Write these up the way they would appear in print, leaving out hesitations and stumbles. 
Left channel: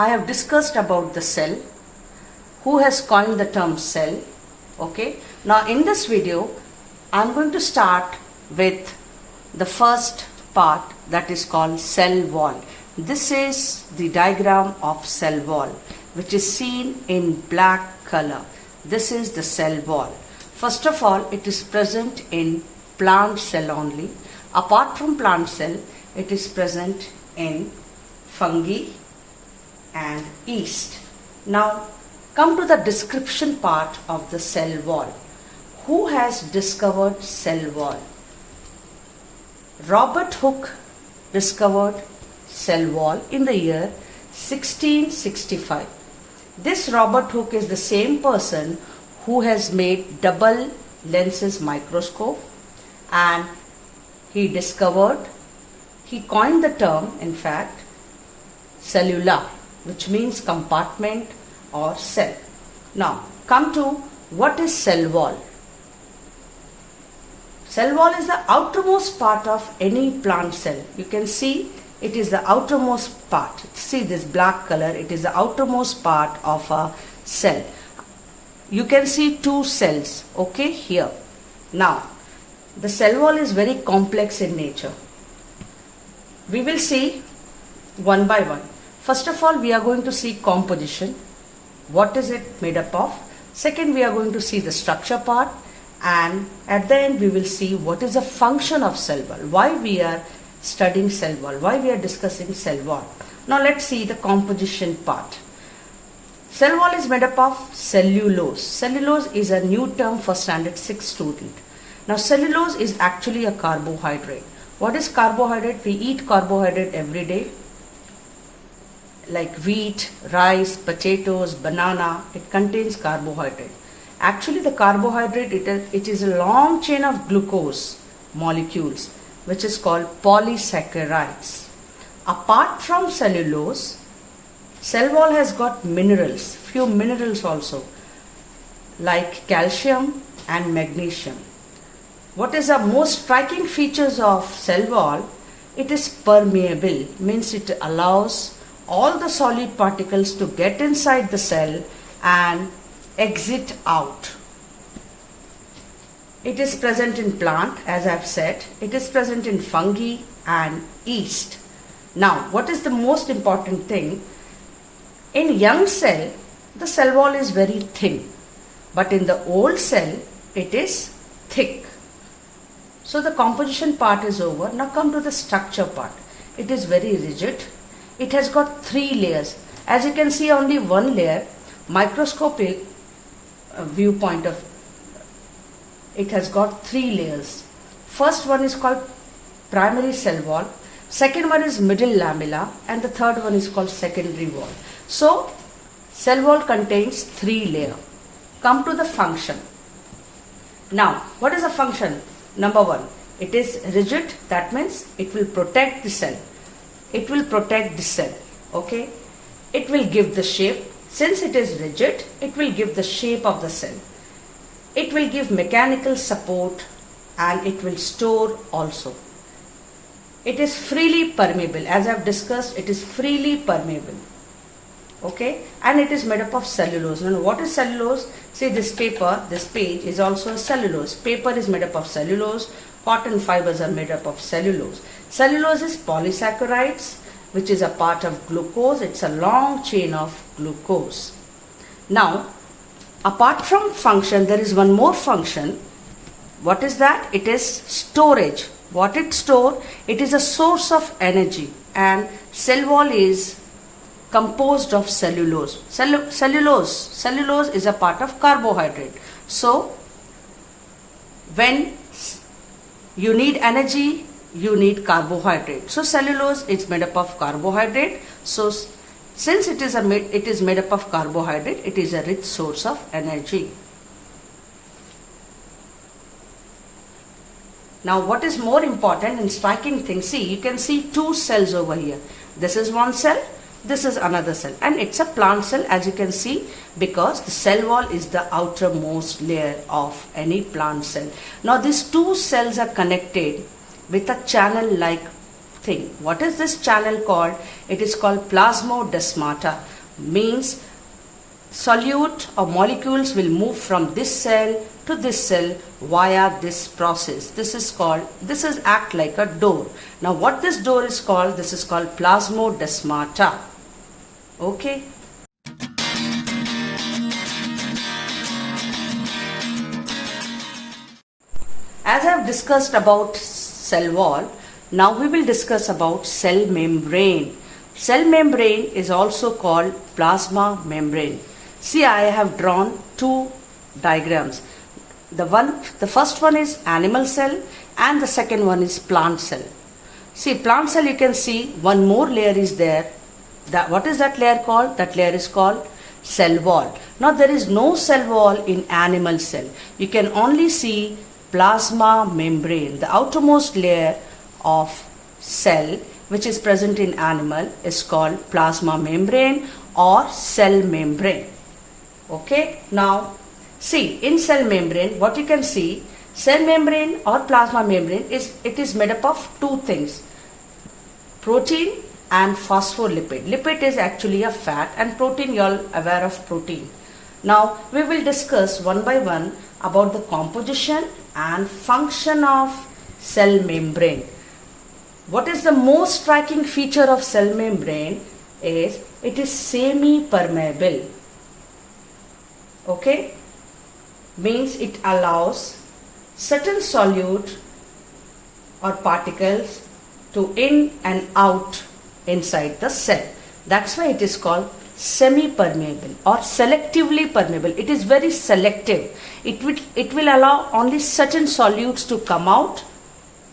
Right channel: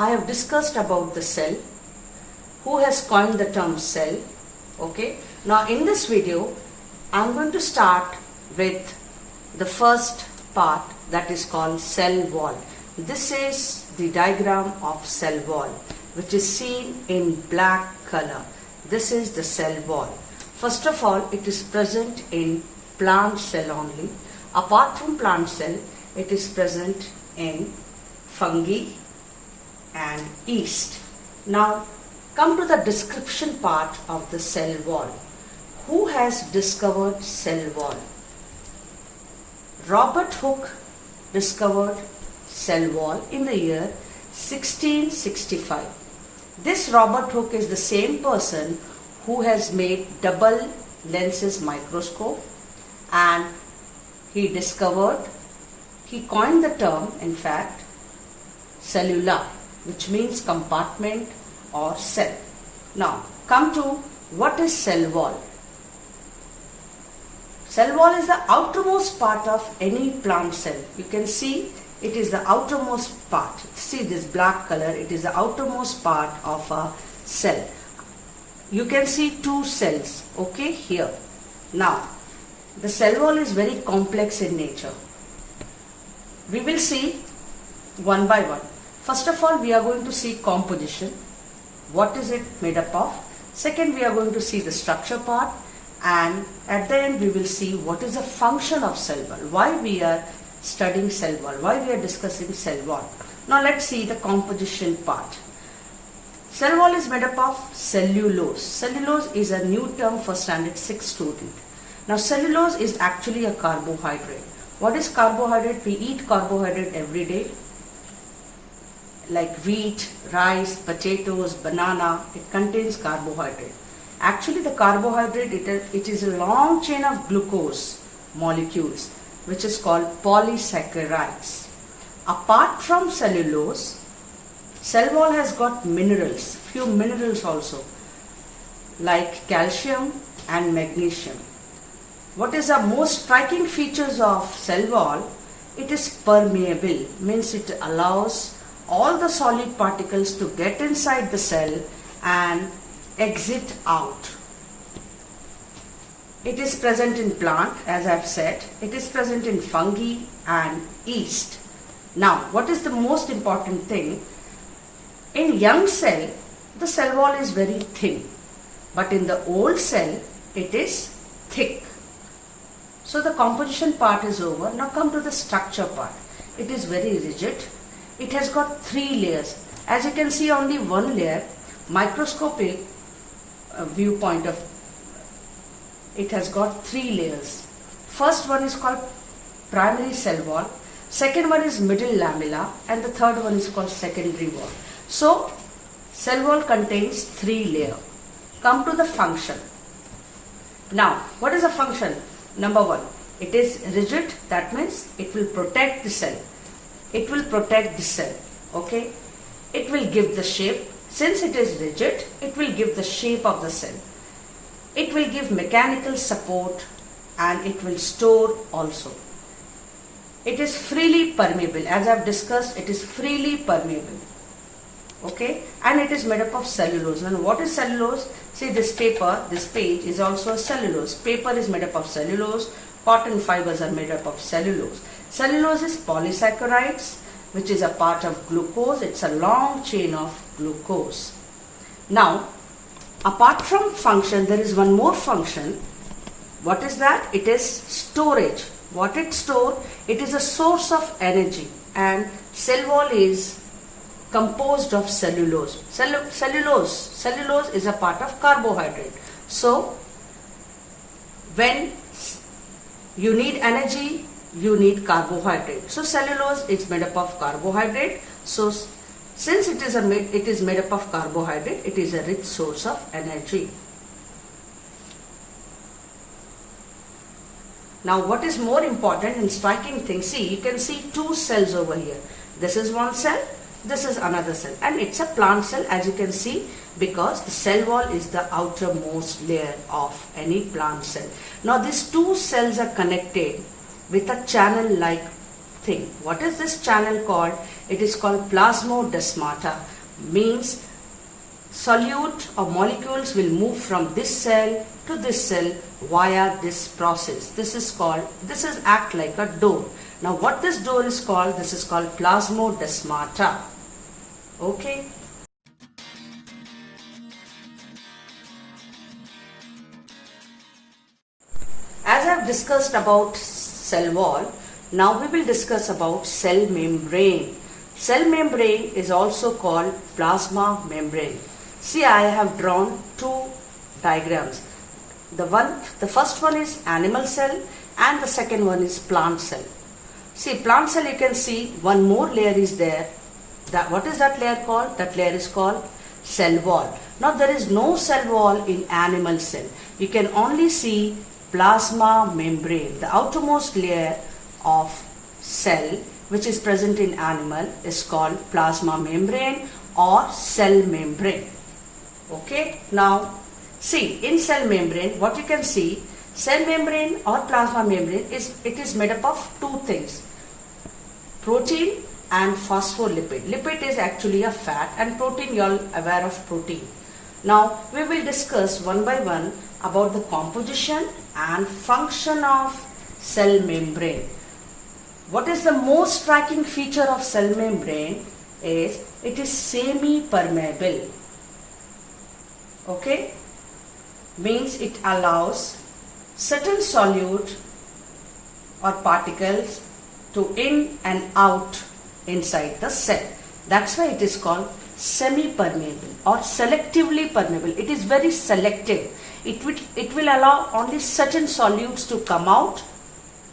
I have discussed about the cell, who has coined the term cell. Okay, now in this video I am going to start with the first part, that is called cell wall. This is the diagram of cell wall, which is seen in black color. This is the cell wall. First of all, it is present in plant cell only. Apart from plant cell, it is present in fungi and yeast. Now come to the description part of the cell wall. Who has discovered cell wall? Robert Hooke discovered cell wall in the year 1665. This Robert Hooke is the same person who has made double lenses microscope, and he coined the term, in fact, cellular, which means compartment or cell. Now come to what is cell wall. Cell wall is the outermost part of any plant cell. You can see it is the outermost part. See this black color, it is the outermost part of a cell. You can see two cells, okay, here. Now, the cell wall is very complex in nature. We will see one by one. First of all, we are going to see composition. What is it made up of? Second, we are going to see the structure part. And at the end, we will see what is the function of cell wall. Why we are studying cell wall. Why we are discussing cell wall. Now, let's see the composition part. Cell wall is made up of cellulose. Cellulose is a new term for standard 6 student. Now, cellulose is actually a carbohydrate. What is carbohydrate? We eat carbohydrate every day, like wheat, rice, potatoes, banana. It contains carbohydrate. Actually, the carbohydrate, it is a long chain of glucose molecules, which is called polysaccharides. Apart from cellulose, cell wall has got minerals, few minerals also, like calcium and magnesium. What is the most striking features of cell wall? It is permeable, means it allows all the solid particles to get inside the cell and exit out. It is present in plant, as I have said. It is present in fungi and yeast. Now, what is the most important thing? In young cell, the cell wall is very thin, but in the old cell, it is thick. So the composition part is over. Now come to the structure part. It is very rigid. It has got 3 layers. As you can see, only one layer. Microscopic viewpoint of it has got 3 layers. First one is called primary cell wall. Second one is middle lamella, and the third one is called secondary wall. So cell wall contains 3 layers. Come to the function. Now, what is the function? Number 1, it is rigid. That means it will protect the cell. It will protect the cell. Okay. It will give the shape. Since it is rigid, it will give the shape of the cell. It will give mechanical support, and it will store also. It is freely permeable. As I have discussed, it is freely permeable. Okay, and it is made up of cellulose. Now, what is cellulose? See, this paper, this page is also a cellulose. Paper is made up of cellulose. Cotton fibers are made up of cellulose. Cellulose is polysaccharides, which is a part of glucose. It's a long chain of glucose. Now, apart from function, there is one more function. What is that? It is storage. What it stores? It is a source of energy, and cell wall is composed of cellulose. Cellulose is a part of carbohydrate. So, when you need energy, you need carbohydrate. So, cellulose is made up of carbohydrate. So, since it is made up of carbohydrate, it is a rich source of energy. Now, what is more important and striking thing? See, you can see 2 cells over here. This is one cell. This is another cell, and it's a plant cell, as you can see, because the cell wall is the outermost layer of any plant cell. Now these 2 cells are connected with a channel like thing. What is this channel called? It is called plasmodesmata. Means solute or molecules will move from this cell to this cell via this process. This is act like a door. Now what this door is called? This is called plasmodesmata. Okay. As I have discussed about cell wall, now we will discuss about cell membrane. Cell membrane is also called plasma membrane. See, I have drawn two diagrams. The first one is animal cell and the second one is plant cell. See, plant cell, you can see one more layer is there. What is that layer called? That layer is called cell wall. Now there is no cell wall in animal cell. You can only see plasma membrane. The outermost layer of cell which is present in animal is called plasma membrane or cell membrane. Okay, now see, in cell membrane, what you can see, cell membrane or plasma membrane is made up of two things, protein and phospholipid. Lipid is actually a fat, and protein, you all aware of protein. Now we will discuss one by one about the composition and function of cell membrane. What is the most striking feature of cell membrane is it is semi-permeable. Okay, means it allows certain solute or particles to in and out inside the cell. That's why it is called semi-permeable or selectively permeable. It is very selective. It will allow only certain solutes to come out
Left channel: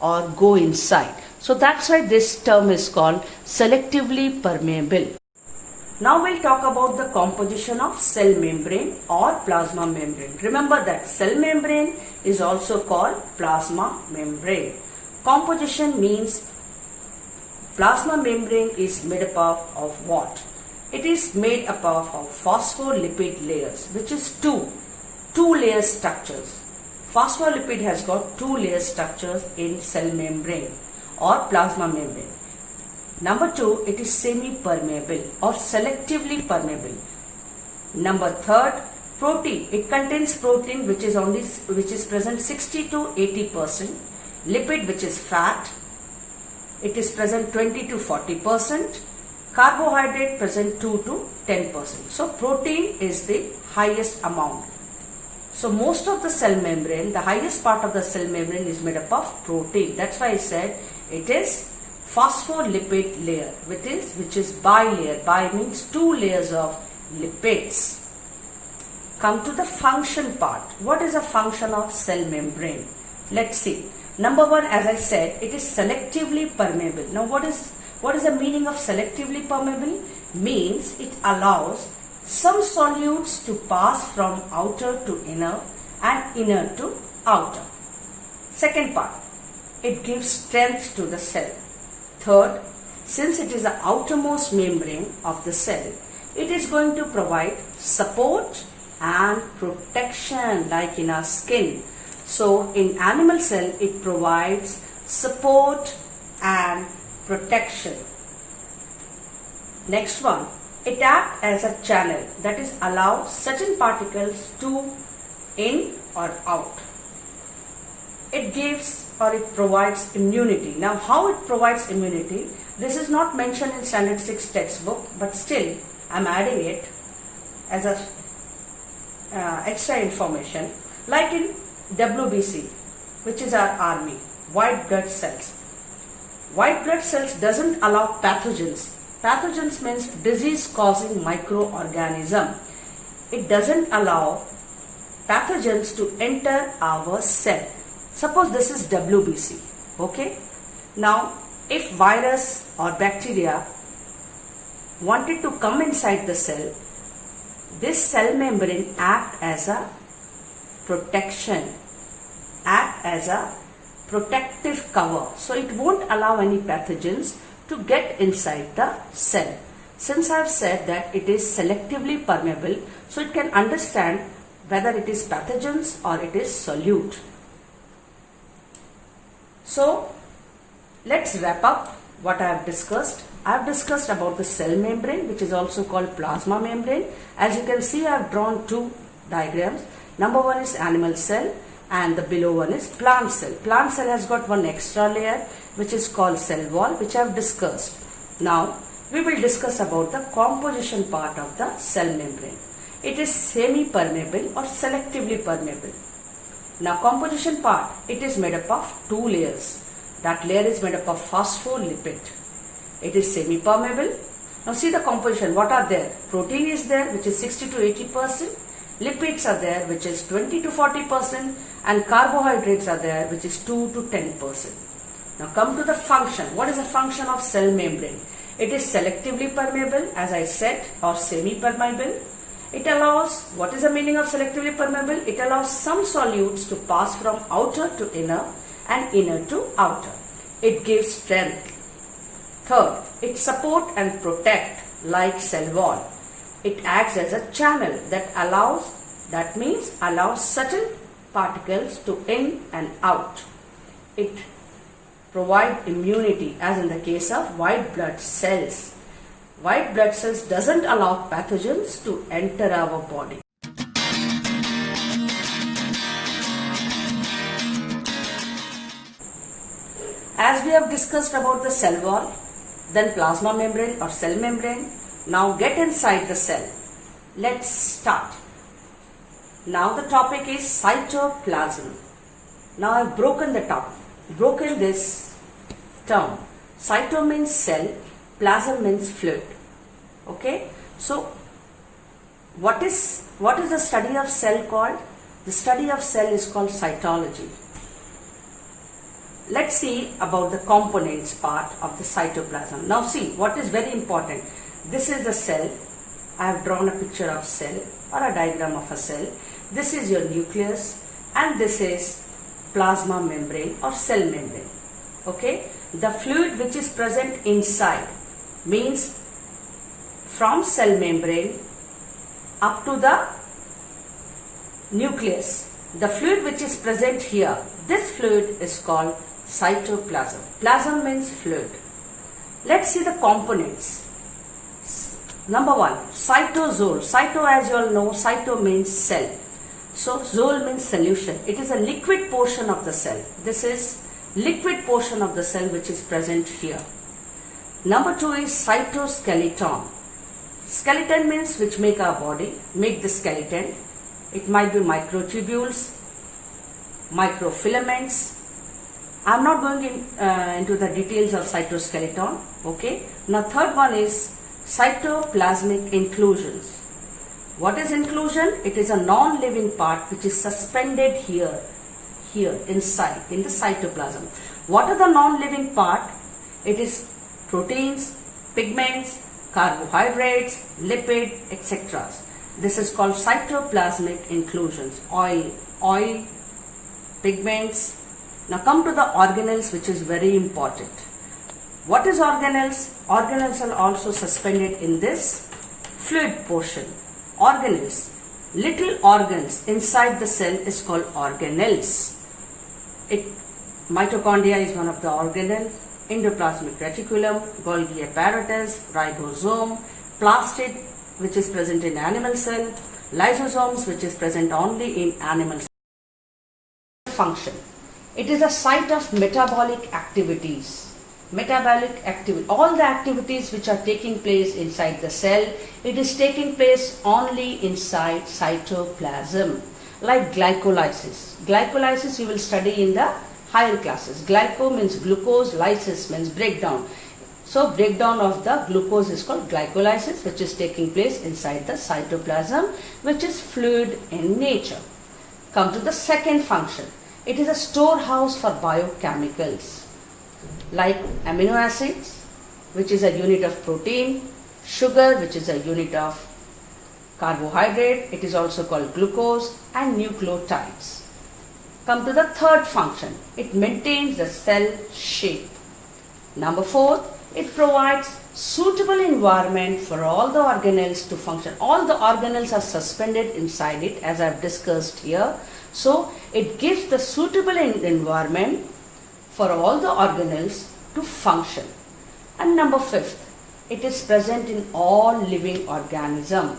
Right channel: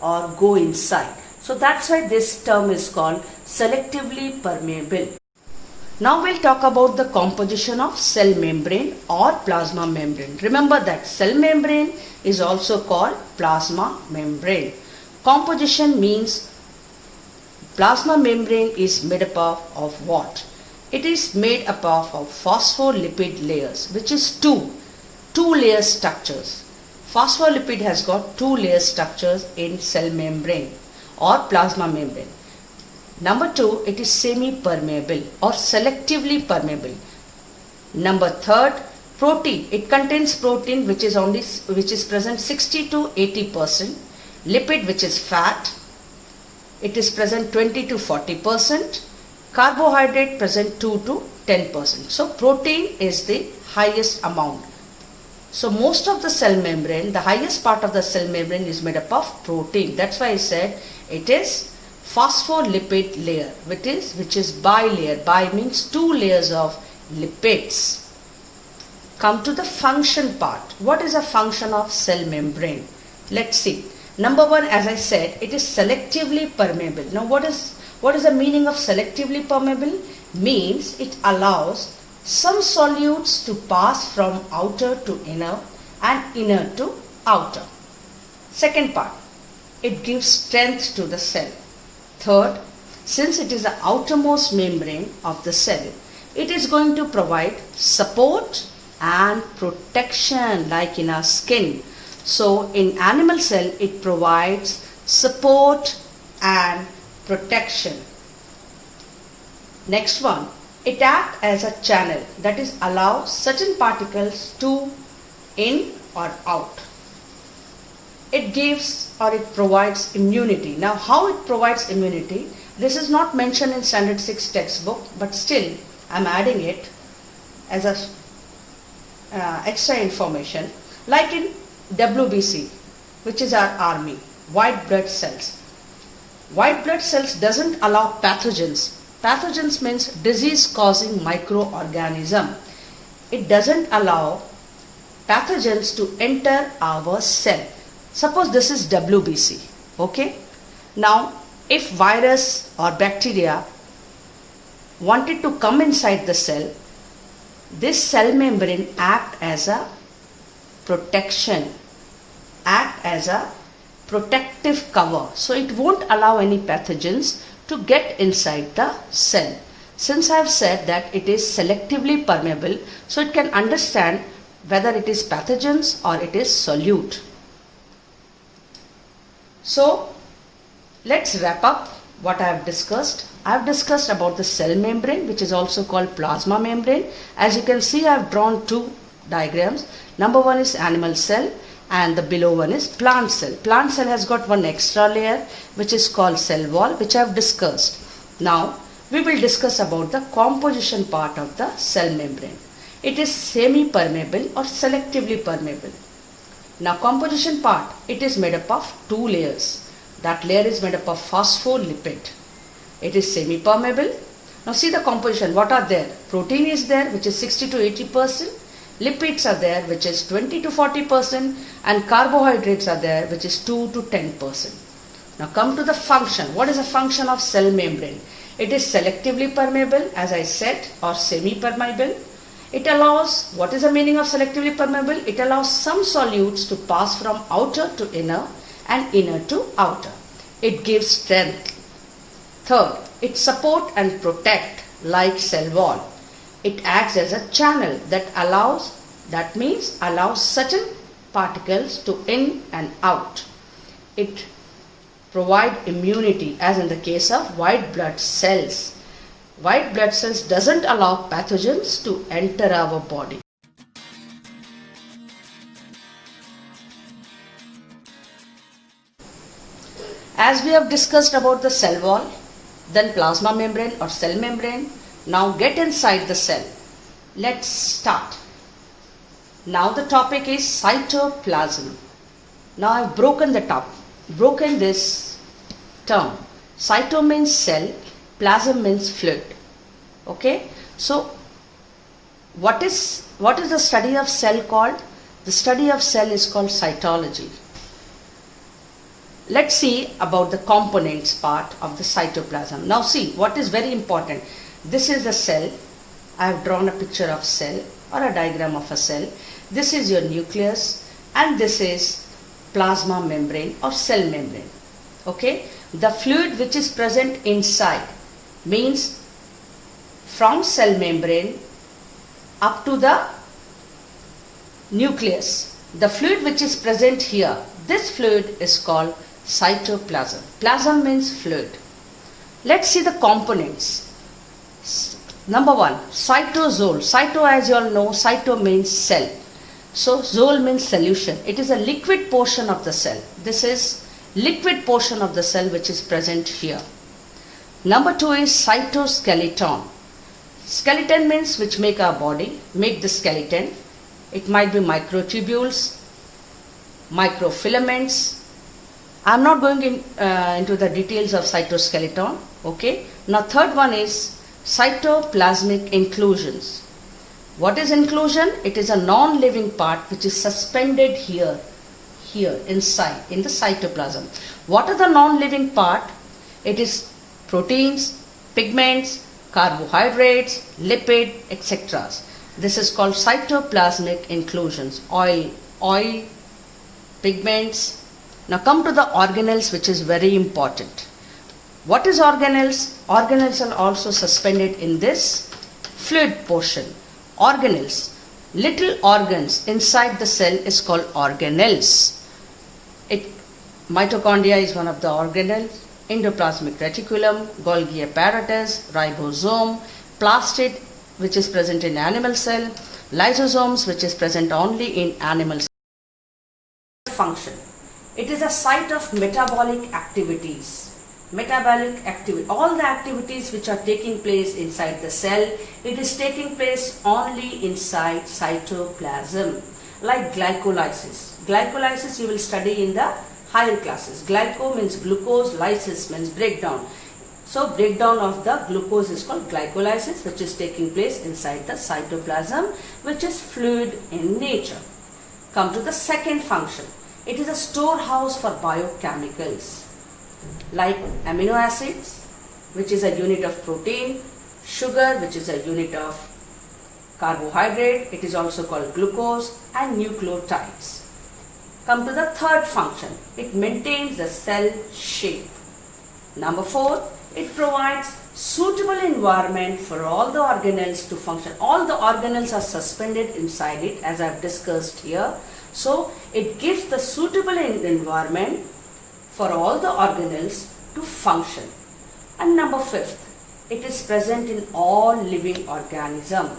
or go inside. So that's why this term is called selectively permeable. Now we'll talk about the composition of cell membrane or plasma membrane. Remember that cell membrane is also called plasma membrane. Composition means plasma membrane is made up of what? It is made up of phospholipid layers, which is two layer structures. Phospholipid has got two layer structures in cell membrane or plasma membrane. Number two, it is semi-permeable or selectively permeable. Number third, protein. It contains protein which is present 60 to 80%. Lipid, which is fat, it is present 20 to 40%. Carbohydrate present 2 to 10%. So protein is the highest amount. So most of the cell membrane, the highest part of the cell membrane is made up of protein. That's why I said it is phospholipid layer, which is bilayer. Bi means two layers of lipids. Come to the function part. What is a function of cell membrane? Let's see. Number one, as I said, it is selectively permeable. Now what is the meaning of selectively permeable? Means it allows some solutes to pass from outer to inner and inner to outer. Second part, it gives strength to the cell. Third, since it is the outermost membrane of the cell, it is going to provide support and protection like in our skin. So in animal cell, it provides support and protection. Next one, it acts as a channel, that is allow certain particles to in or out. It gives or it provides immunity. Now how it provides immunity, this is not mentioned in standard 6 textbook, but still I am adding it as a extra information. Like in WBC, which is our army, white blood cells. White blood cells doesn't allow pathogens. Pathogens means disease causing microorganism. It doesn't allow pathogens to enter our cell. Suppose this is WBC. Okay. Now if virus or bacteria wanted to come inside the cell, this cell membrane act as a protection, act as a protective cover. So it won't allow any pathogens to get inside the cell. Since I have said that it is selectively permeable, so it can understand whether it is pathogens or it is solute. So let's wrap up what I have discussed. I have discussed about the cell membrane, which is also called plasma membrane. As you can see, I have drawn two diagrams. Number one is animal cell and the below one is plant cell. Plant cell has got one extra layer which is called cell wall, which I have discussed. Now we will discuss about the composition part of the cell membrane. It is semi-permeable or selectively permeable. Now composition part, it is made up of two layers. That layer is made up of phospholipid. It is semi-permeable. Now see the composition, what are there? Protein is there, which is 60 to 80%. Lipids are there, which is 20 to 40%. And carbohydrates are there, which is 2 to 10%. Now come to the function. What is the function of cell membrane? It is selectively permeable, as I said, or semi-permeable. It allows, what is the meaning of selectively permeable? It allows some solutes to pass from outer to inner and inner to outer. It gives strength. Third, it support and protect like cell wall. It acts as a channel that allows certain particles to in and out. It provide immunity, as in the case of white blood cells. White blood cells doesn't allow pathogens to enter our body. As we have discussed about the cell wall, then plasma membrane or cell membrane, now get inside the cell. Let's start. Now the topic is cytoplasm. Now I have broken this term. Cyto means cell, plasm means fluid. Okay, so what is the study of cell called? The study of cell is called cytology. Let's see about the components part of the cytoplasm. Now see what is very important. This is the cell. I have drawn a picture of cell or a diagram of a cell. This is your nucleus and this is plasma membrane or cell membrane. Okay, the fluid which is present inside means from cell membrane up to the nucleus. The fluid which is present here, this fluid is called cytoplasm. Plasm means fluid. Let's see the components. Number one, cytosol. Cyto, as you all know, cyto means cell. So zol means solution. It is a liquid portion of the cell. This is liquid portion of the cell which is present here. Number two is cytoskeleton. Skeleton means which make our body, make the skeleton. It might be microtubules, microfilaments. I am not going into the details of cytoskeleton. Okay. Now third one is cytoplasmic inclusions. What is inclusion? It is a non-living part which is suspended here inside in the cytoplasm. What are the non-living part? It is proteins, pigments, carbohydrates, lipid, etc. This is called cytoplasmic inclusions. Oil, pigments. Now come to the organelles, which is very important. What is organelles? Organelles are also suspended in this fluid portion. Organelles, little organs inside the cell is called organelles. Mitochondria is one of the organelles. Endoplasmic reticulum, Golgi apparatus, ribosome, plastid, which is present in animal cell, lysosomes, which is present only in animal cell. Function. It is a site of metabolic activities. All the activities which are taking place inside the cell, it is taking place only inside cytoplasm. Like glycolysis. Glycolysis you will study in the higher classes. Glyco means glucose, lysis means breakdown. So breakdown of the glucose is called glycolysis, which is taking place inside the cytoplasm, which is fluid in nature. Come to the second function. It is a storehouse for biochemicals like amino acids, which is a unit of protein, sugar, which is a unit of carbohydrate, it is also called glucose, and nucleotides. Come to the third function. It maintains the cell shape. Number four, it provides suitable environment for all the organelles to function. All the organelles are suspended inside it, as I have discussed here. So it gives the suitable environment for all the organelles to function. And number 5th, it is present in all living organism,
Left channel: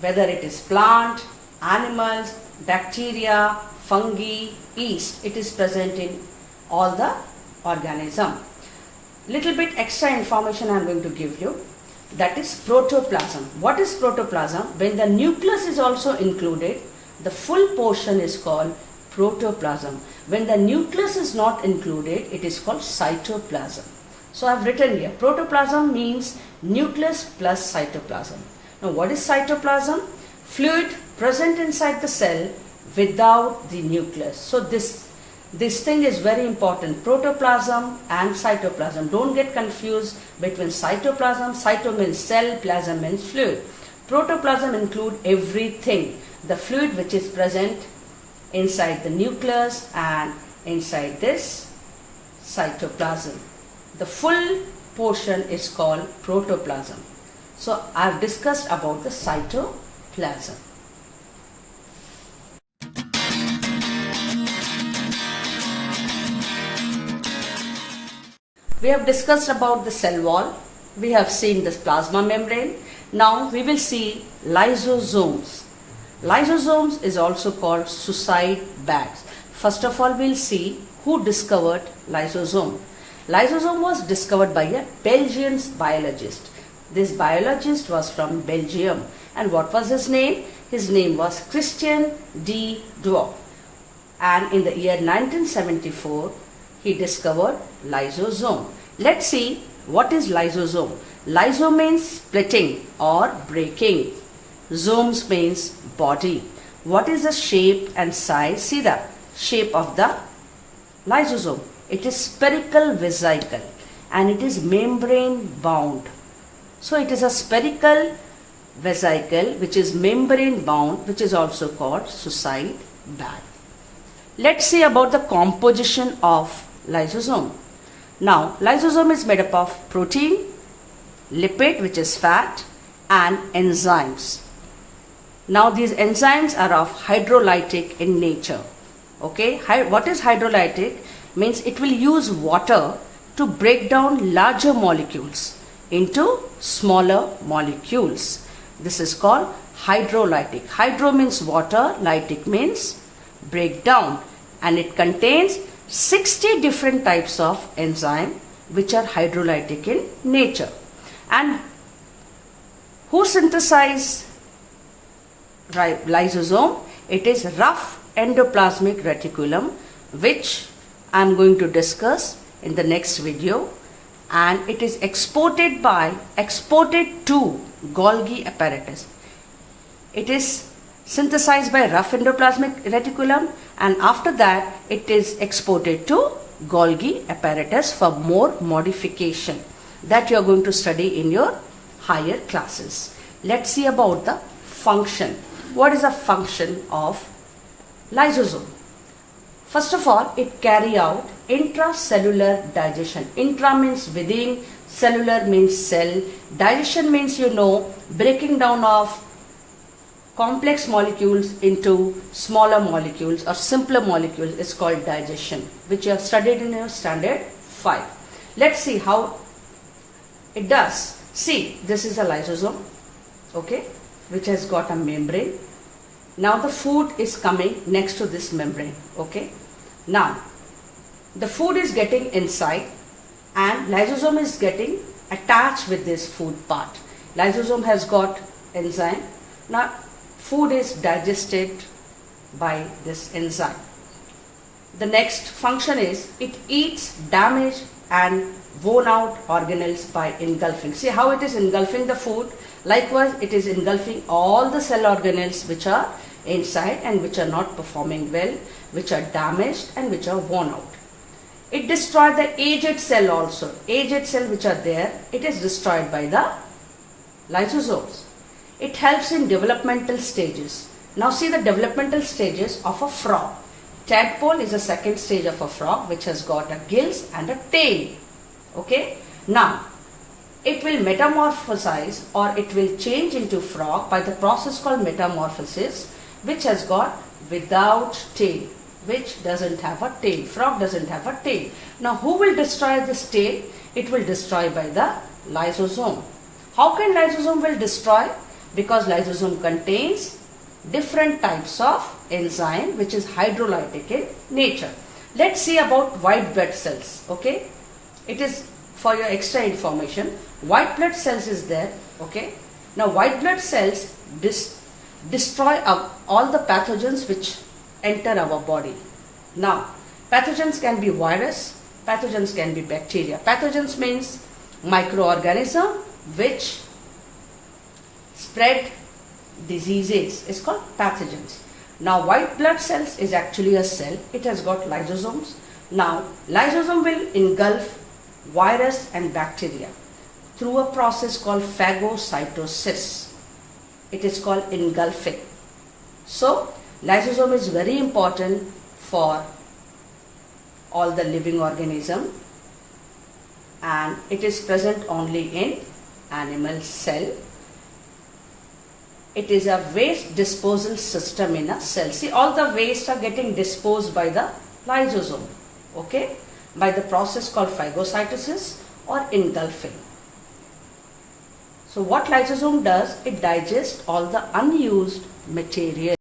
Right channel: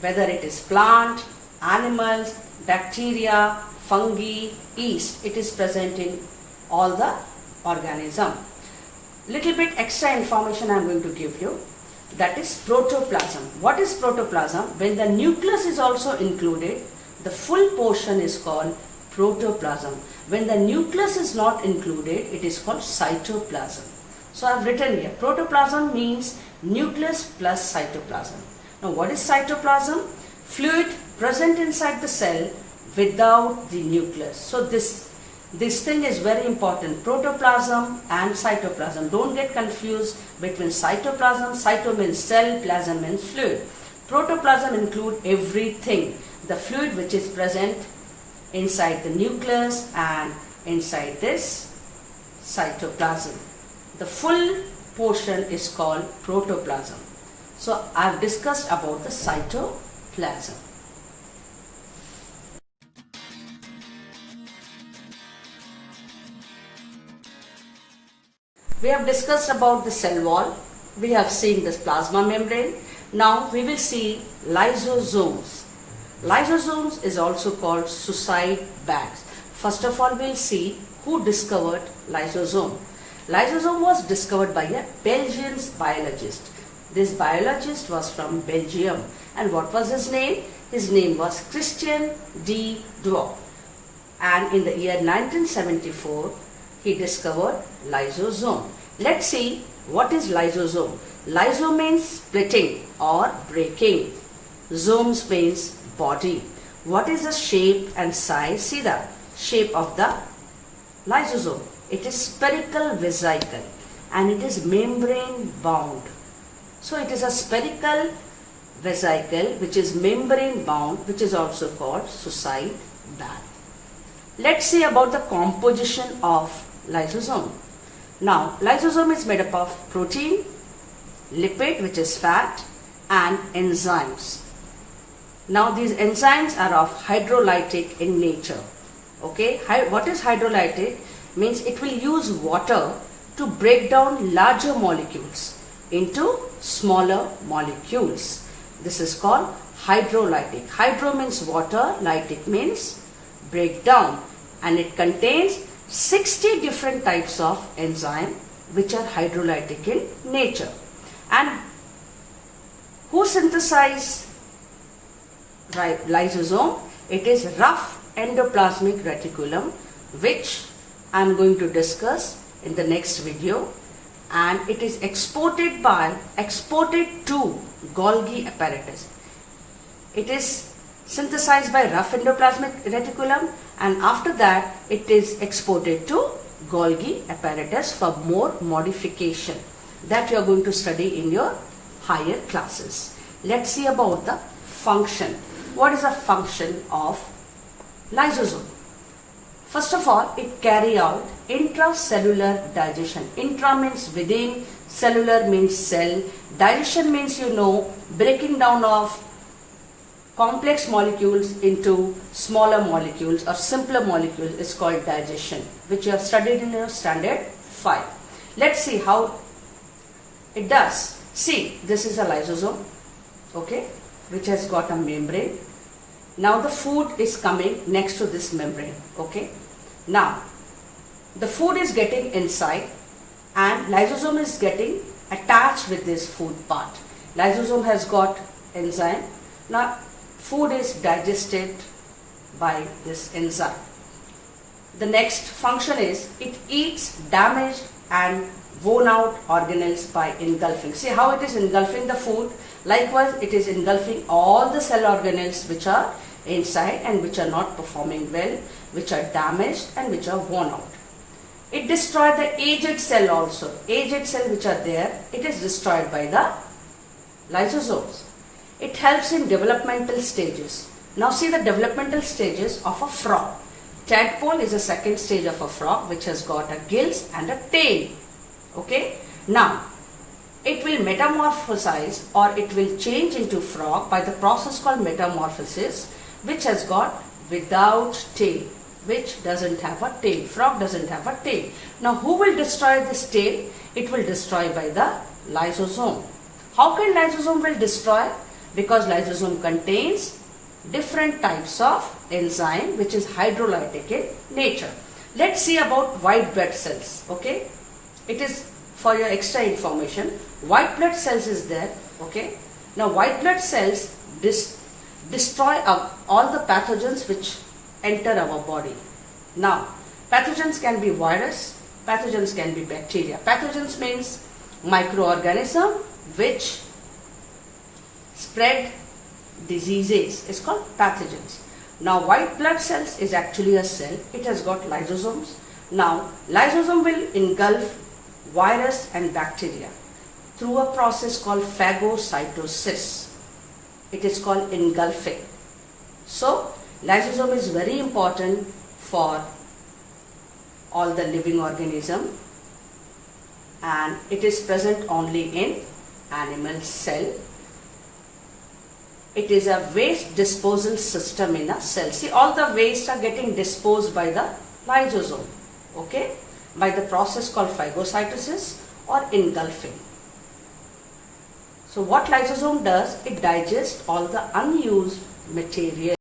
whether it is plant, animals, bacteria, fungi, yeast. It is present in all the organism. Little bit extra information I am going to give you. That is protoplasm. What is protoplasm? When the nucleus is also included, the full portion is called protoplasm. When the nucleus is not included, it is called cytoplasm. So I have written here, protoplasm means nucleus plus cytoplasm. Now what is cytoplasm? Fluid present inside the cell without the nucleus. So this thing is very important, protoplasm and cytoplasm. Don't get confused between cytoplasm. Cyto means cell, plasm means fluid. Protoplasm include everything, the fluid which is present inside the nucleus and inside this cytoplasm. The full portion is called protoplasm. So I have discussed about the cytoplasm. We have discussed about the cell wall. We have seen this plasma membrane. Now we will see lysosomes. Lysosomes is also called suicide bags. First of all, we'll see who discovered lysosome. Lysosome was discovered by a Belgian biologist. This biologist was from Belgium. And what was his name? His name was Christian de Doof. And in the year 1974, he discovered lysosome. Let's see what is lysosome. Lyso means splitting or breaking. Somes means body. What is the shape and size? See the shape of the lysosome. It is spherical vesicle and it is membrane bound. So it is a spherical vesicle which is membrane bound, which is also called suicide bag. Let's see about the composition of lysosome. Now, lysosome is made up of protein, lipid which is fat, and enzymes. Now, these enzymes are of hydrolytic in nature. Okay, what is hydrolytic? Means it will use water to break down larger molecules into smaller molecules. This is called hydrolytic. Hydro means water, lytic means break down, and it contains 60 different types of enzyme which are hydrolytic in nature. And who synthesize lysosome? It is rough endoplasmic reticulum, which I am going to discuss in the next video, and it is exported to Golgi apparatus. It is synthesized by rough endoplasmic reticulum, and after that it is exported to Golgi apparatus for more modification that you are going to study in your higher classes. Let's see about the function. What is the function of lysosome? First of all, it carry out intracellular digestion. Intra means within, cellular means cell, digestion means breaking down of complex molecules into smaller molecules or simpler molecules is called digestion, which you have studied in your standard 5. Let's see how it does. See, this is a lysosome, okay, which has got a membrane. Now the food is coming next to this membrane, okay. Now the food is getting inside and lysosome is getting attached with this food part. Lysosome has got enzyme. Now food is digested by this enzyme. The next function is it eats damaged and worn out organelles by engulfing. See how it is engulfing the food. Likewise, it is engulfing all the cell organelles which are inside and which are not performing well, which are damaged and which are worn out. It destroys the aged cell also. Aged cell which are there, it is destroyed by the lysosomes. It helps in developmental stages. Now see the developmental stages of a frog. Tadpole is the second stage of a frog which has got a gills and a tail. Okay. Now it will metamorphosize or it will change into frog by the process called metamorphosis, which has got without tail, which doesn't have a tail. Frog doesn't have a tail. Now who will destroy this tail? it will destroy by the lysosome. How can lysosome will destroy? Because lysosome contains different types of enzyme which is hydrolytic in nature. Let's see about white blood cells. Okay, it is for your extra information. White blood cells is there. Okay, now white blood cells destroy all the pathogens which enter our body. Now pathogens can be virus, pathogens can be bacteria. Pathogens means microorganism which spread diseases is called pathogens. Now white blood cells is actually a cell. It has got lysosomes. Now lysosome will engulf virus and bacteria through a process called phagocytosis. It is called engulfing. So lysosome is very important for all the living organism, and it is present only in animal cell. It is a waste disposal system in a cell. See, all the waste are getting disposed by the lysosome, okay, by the process called phagocytosis or engulfing. So what lysosome does, it digests all the unused material.